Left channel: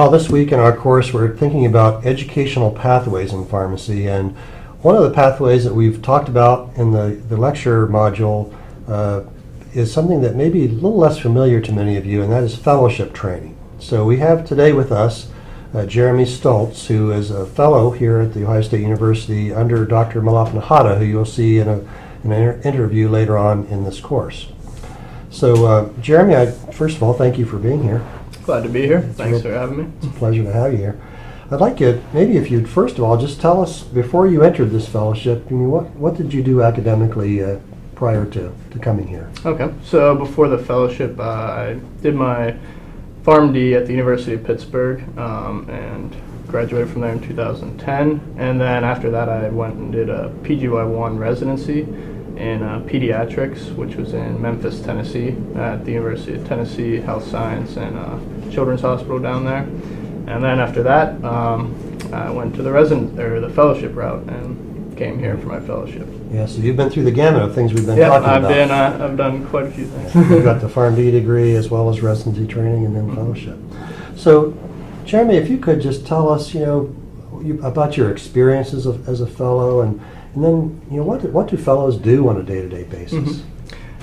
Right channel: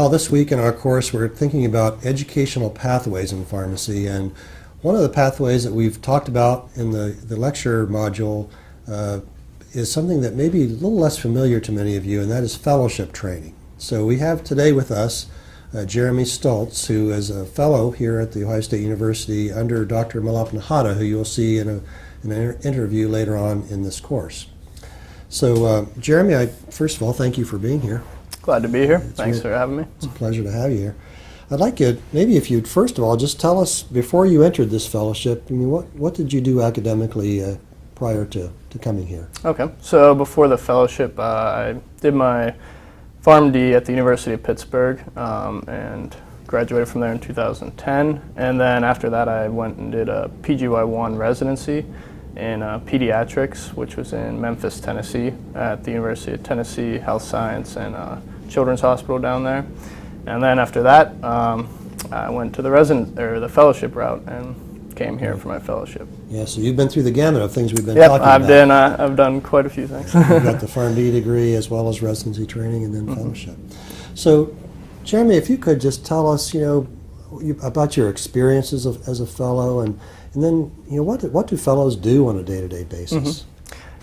Well, this week in our course, we're thinking about educational pathways in pharmacy, and one of the pathways that we've talked about in the lecture module is something that may be a little less familiar to many of you, and that is fellowship training. So we have today with us Jeremy Stultz, who is a fellow here at The Ohio State University under Dr. Malap Nahata, who you'll see in an interview later on in this course. So Jeremy, first of all, thank you for being here. Glad to be here. Thanks for having me. It's a pleasure to have you here. I'd like you, maybe if you'd first of all just tell us, before you entered this fellowship, I mean, what did you do academically prior to coming here? Okay, so before the fellowship, I did my PharmD at the University of Pittsburgh and graduated from there in 2010. And then after that, I went and did a PGY1 residency in pediatrics, which was in Memphis, Tennessee, at the University of Tennessee Health Science and Children's Hospital down there. And then after that, I went to the fellowship route and came here for my fellowship. Yeah, so you've been through the gamut of things we've been talking about. I've done quite a few things. You've got the PharmD degree as well as residency training and then fellowship. So, Jeremy, if you could just tell us, about your experiences as a fellow, and then, what do fellows do on a day-to-day basis?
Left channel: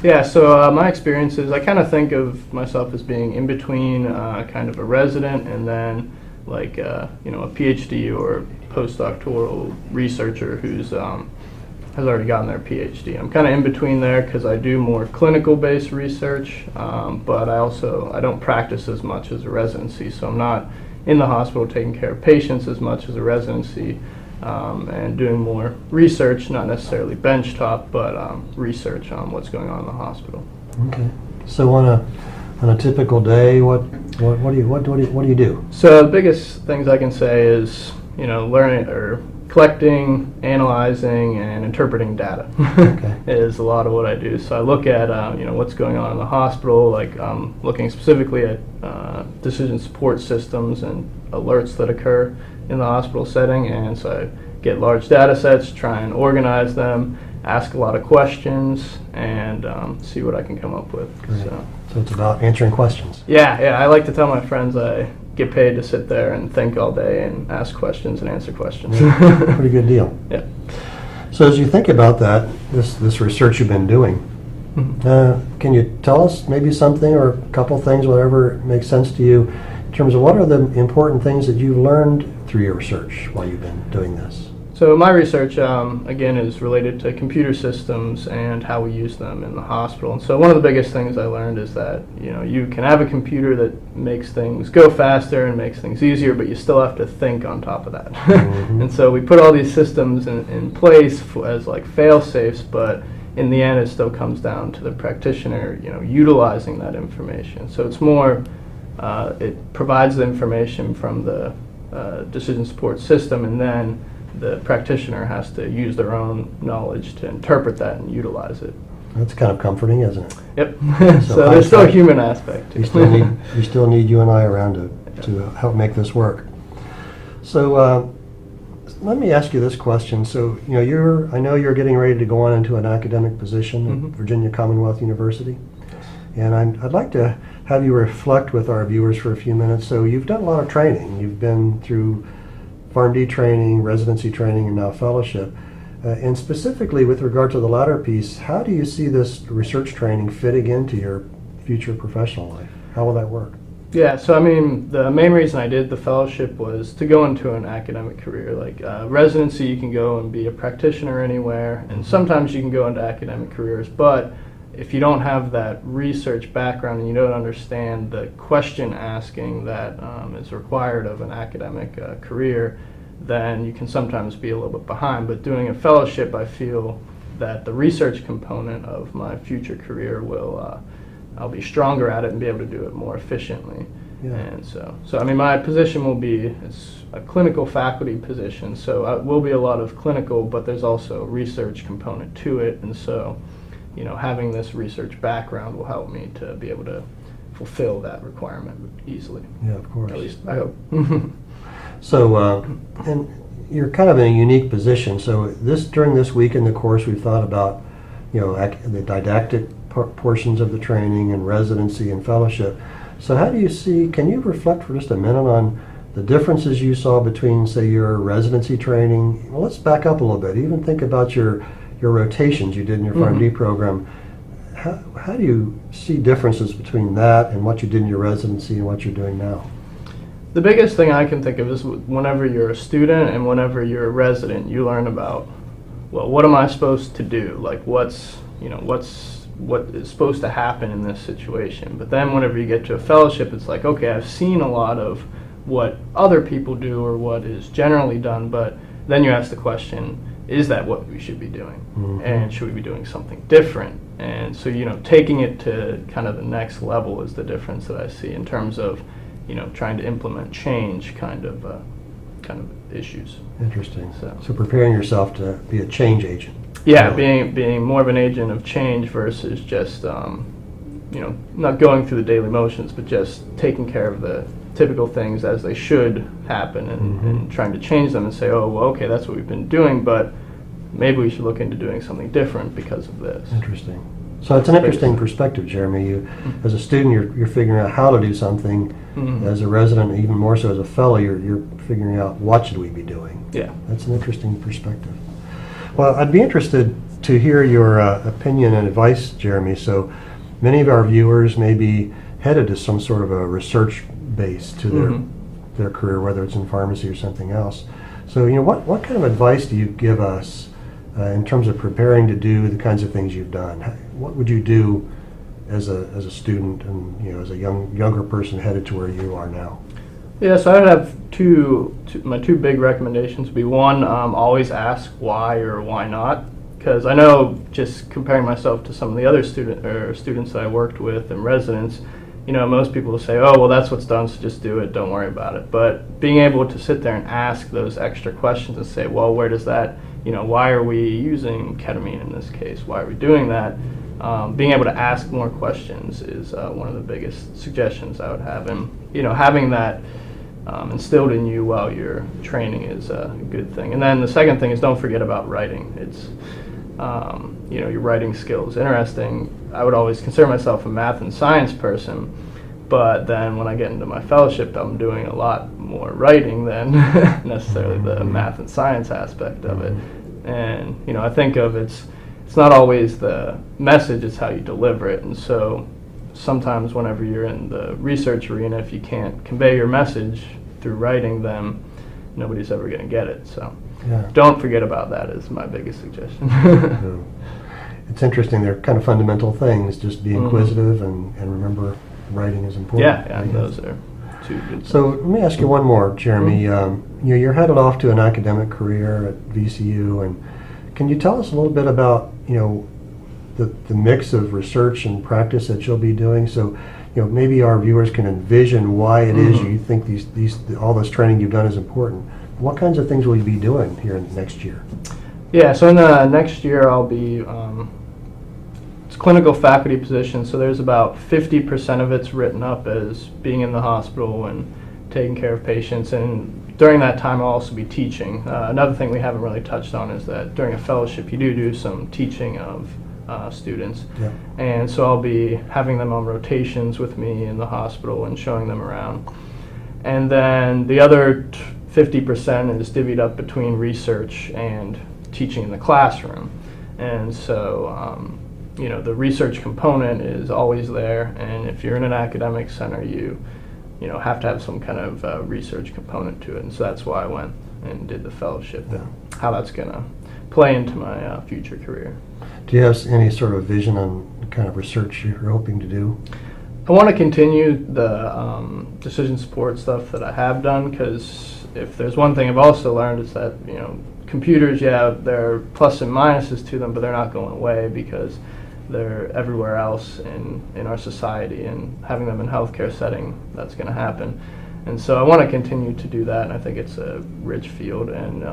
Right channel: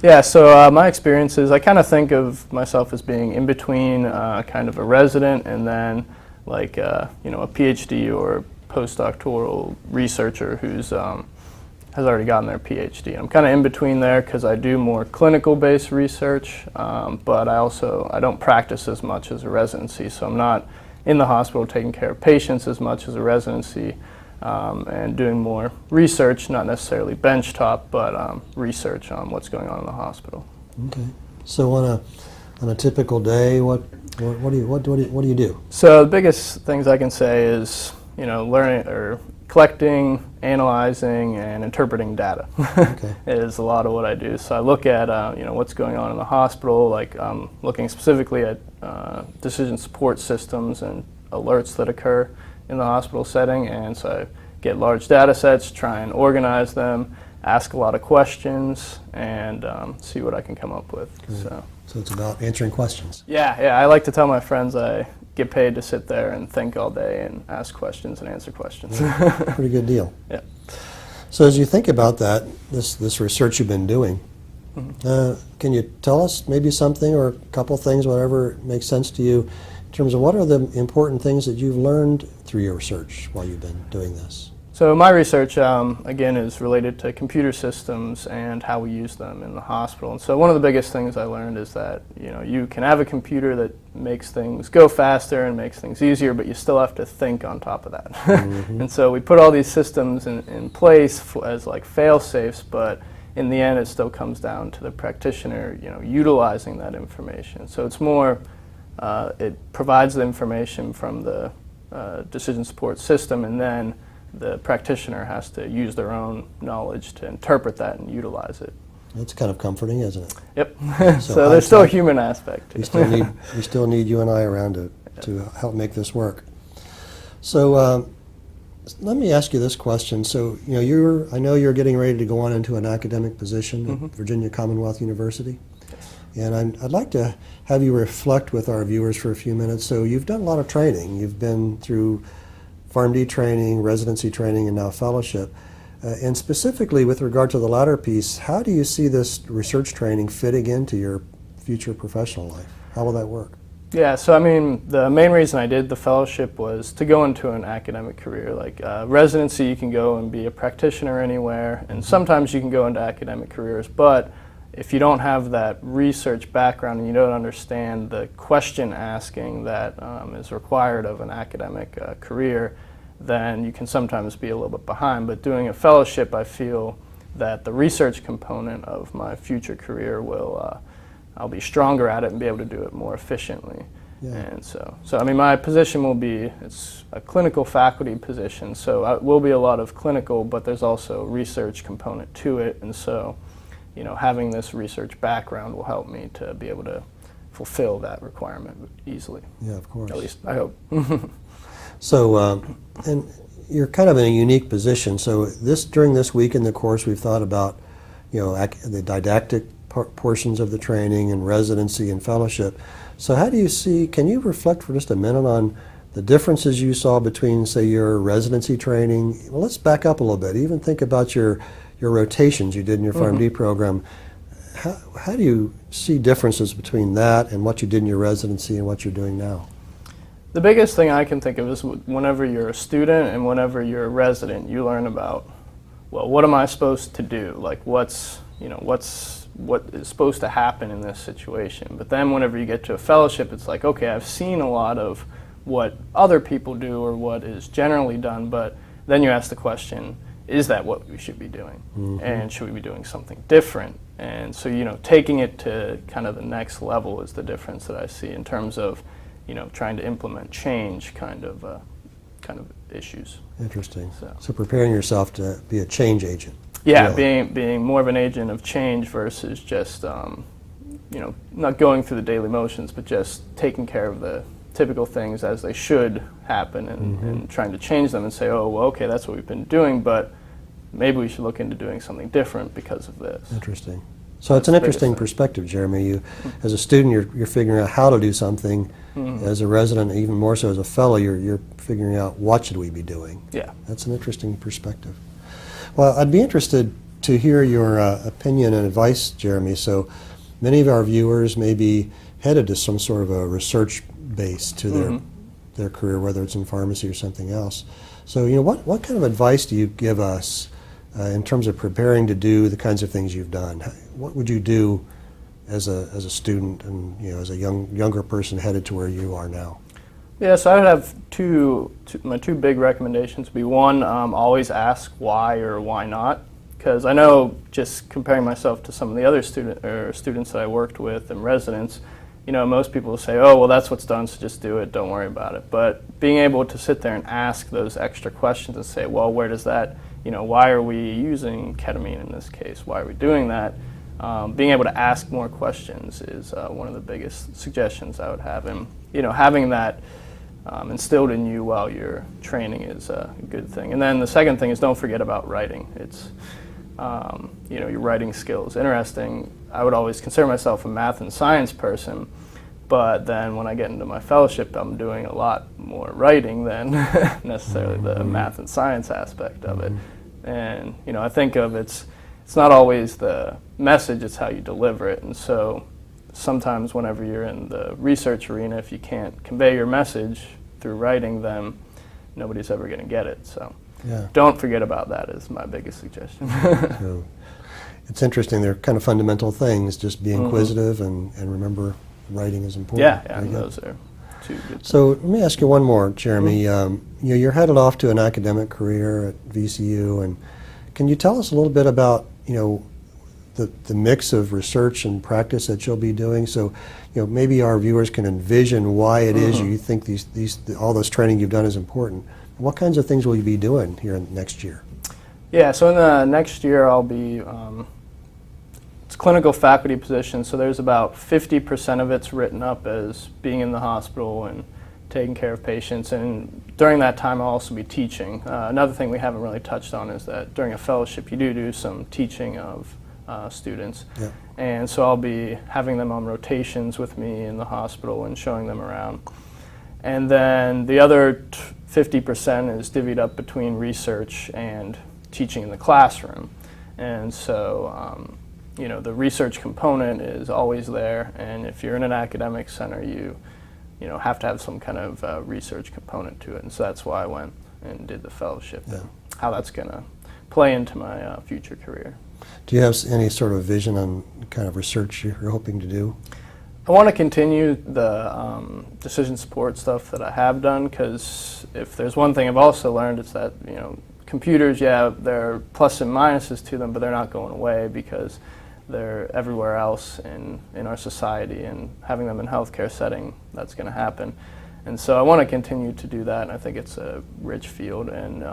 Yeah, so my experiences, I kind of think of myself as being in between kind of a resident and then like a PhD or postdoctoral researcher who's has already gotten their PhD. I'm kind of in between there because I do more clinical-based research, but I don't practice as much as a residency, so I'm not in the hospital taking care of patients as much as a residency. And doing more research, not necessarily benchtop, but research on what's going on in the hospital. Okay. So on a typical day, what do you do? So the biggest things I can say is learning or collecting, analyzing, and interpreting data. Okay. Is a lot of what I do. So I look at what's going on in the hospital, like looking specifically at decision support systems and alerts that occur in the hospital setting, and so I get large data sets, try and organize them, ask a lot of questions, and see what I can come up with. So it's about answering questions. Yeah, I like to tell my friends I get paid to sit there and think all day and ask questions and answer questions. Yeah, pretty good deal. Yeah. So as you think about that, this research you've been doing, can you tell us maybe something or a couple things, whatever makes sense to you, in terms of what are the important things that you've learned through your research while you've been doing this? So my research, again, is related to computer systems and how we use them in the hospital. And so one of the biggest things I learned is that, you can have a computer that makes things go faster and makes things easier, but you still have to think on top of that. Mm-hmm. And so we put all these systems in place as like fail-safes, but in the end it still comes down to the practitioner, utilizing that information. So it's more, it provides the information from the decision support system, and then the practitioner has to use their own knowledge to interpret that and utilize it. That's kind of comforting, isn't it? Yep. So there's still a human aspect. We still need you and I around to help make this work. So let me ask you this question. So I know you're getting ready to go on into an academic position at Virginia Commonwealth University, and I'd like to have you reflect with our viewers for a few minutes. So you've done a lot of training. You've been through PharmD training, residency training, and now fellowship. And specifically with regard to the latter piece, how do you see this research training fitting into your future professional life? How will that work? Yeah, so I mean, the main reason I did the fellowship was to go into an academic career. Like residency, you can go and be a practitioner anywhere, and sometimes you can go into academic careers, but if you don't have that research background and you don't understand the question asking that is required of an academic career, then you can sometimes be a little bit behind. But doing a fellowship, I feel that the research component of my future career will, I'll be stronger at it and be able to do it more efficiently. Yeah. And so I mean, my position will be, it's a clinical faculty position, so it will be a lot of clinical, but there's also a research component to it, and so having this research background will help me to be able to fulfill that requirement easily. Yeah, of course. At least I hope. So, and you're kind of in a unique position. So during this week in the course, we've thought about, the didactic portions of the training and residency and fellowship. So how do you see, can you reflect for just a minute on the differences you saw between, say, your residency training? Well, let's back up a little bit. Even think about your rotations you did in your PharmD program. How do you see differences between that and what you did in your residency and what you're doing now? The biggest thing I can think of is whenever you're a student and whenever you're a resident, you learn about, well, what am I supposed to do? Like what is supposed to happen in this situation? But then whenever you get to a fellowship, it's like, okay, I've seen a lot of what other people do or what is generally done, but then you ask the question, is that what we should be doing? Mm-hmm. And should we be doing something different? And so, taking it to kind of the next level is the difference that I see in terms of, trying to implement change kind of issues. Interesting. So preparing yourself to be a change agent. Yeah, really. being more of an agent of change versus just, not going through the daily motions, but just taking care of the typical things as they should happen and trying to change them and say, oh, well, okay, that's what we've been doing, but maybe we should look into doing something different because of this. Interesting. So it's an interesting perspective, Jeremy. You, as a student, you're figuring out how to do something. As a resident, even more so as a fellow, you're figuring out what should we be doing. Yeah. That's an interesting perspective. Well, I'd be interested to hear your opinion and advice, Jeremy. So many of our viewers may be headed to some sort of a research base to their career, whether it's in pharmacy or something else. So, what kind of advice do you give us in terms of preparing to do the kinds of things you've done? What would you do as a student and as a younger person headed to where you are now? Yeah, so I would have my two big recommendations would be one, always ask why or why not, because I know just comparing myself to some of the other students that I worked with and residents, most people will say, oh, well, that's what's done, so just do it, don't worry about it. But being able to sit there and ask those extra questions and say, well, where does that, why are we using ketamine in this case? Why are we doing that? Being able to ask more questions is one of the biggest suggestions I would have. And, having that instilled in you while you're training is a good thing. And then the second thing is don't forget about writing. It's, your writing skills. Interesting, I would always consider myself a math and science person, but then when I get into my fellowship, I'm doing a lot more writing than necessarily the math and science aspect of it. And, I think of it's not always the message, it's how you deliver it. And so sometimes whenever you're in the research arena, if you can't convey your message through writing, then nobody's ever going to get it. So don't forget about that is my biggest suggestion. It's interesting. They're kind of fundamental things, just be inquisitive and remember writing is important. Yeah, those are two good things. So let me ask you one more, Jeremy. You're headed off to an academic career at VCU, and can you tell us a little bit about, the mix of research and practice that you'll be doing? So, maybe our viewers can envision why it is you think all this training you've done is important. What kinds of things will you be doing here next year? Yeah, so in the next year I'll be, it's clinical faculty position, so there's about 50% of it's written up as being in the hospital and taking care of patients, and during that time I'll also be teaching. Another thing we haven't really touched on is that during a fellowship you do some teaching of students, and so I'll be having them on rotations with me in the hospital and showing them around. And then the other 50% is divvied up between research and teaching in the classroom. And so, the research component is always there, and if you're in an academic center, you have to have some kind of research component to it. And so that's why I went and did the fellowship and how that's going to play into my future career. Do you have any sort of vision on the kind of research you're hoping to do? I want to continue the decision support stuff that I have done, because if there's one thing I've also learned, it's that computers, there are plus and minuses to them, but they're not going away because they're everywhere else in our society, and having them in healthcare setting, that's going to happen. And so I want to continue to do that, and I think it's a rich field, and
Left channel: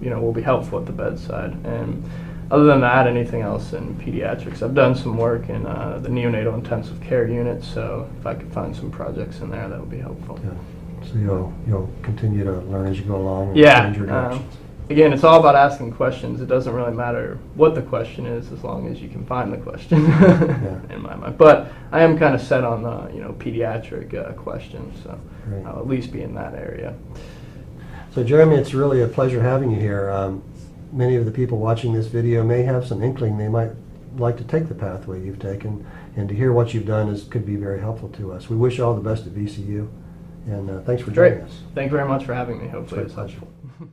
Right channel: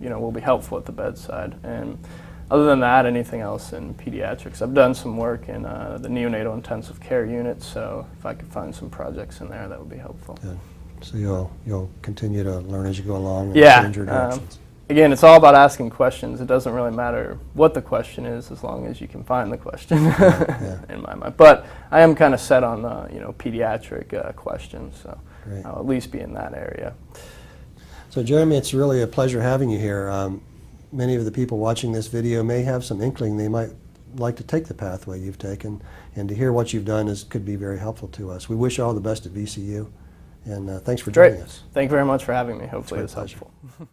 will be helpful at the bedside. And other than that, anything else in pediatrics. I've done some work in the neonatal intensive care unit, so if I could find some projects in there, that would be helpful. Yeah. So you'll continue to learn as you go along and change your directions. again, it's all about asking questions. It doesn't really matter what the question is as long as you can find the question in my mind. But I am kind of set on the pediatric questions, so Great. I'll at least be in that area. So Jeremy, it's really a pleasure having you here. Many of the people watching this video may have some inkling they might like to take the pathway you've taken, and to hear what you've done could be very helpful to us. We wish you all the best at VCU, and thanks for joining Great. us. Thank you very much for having me. Hopefully It's it's my pleasure. helpful.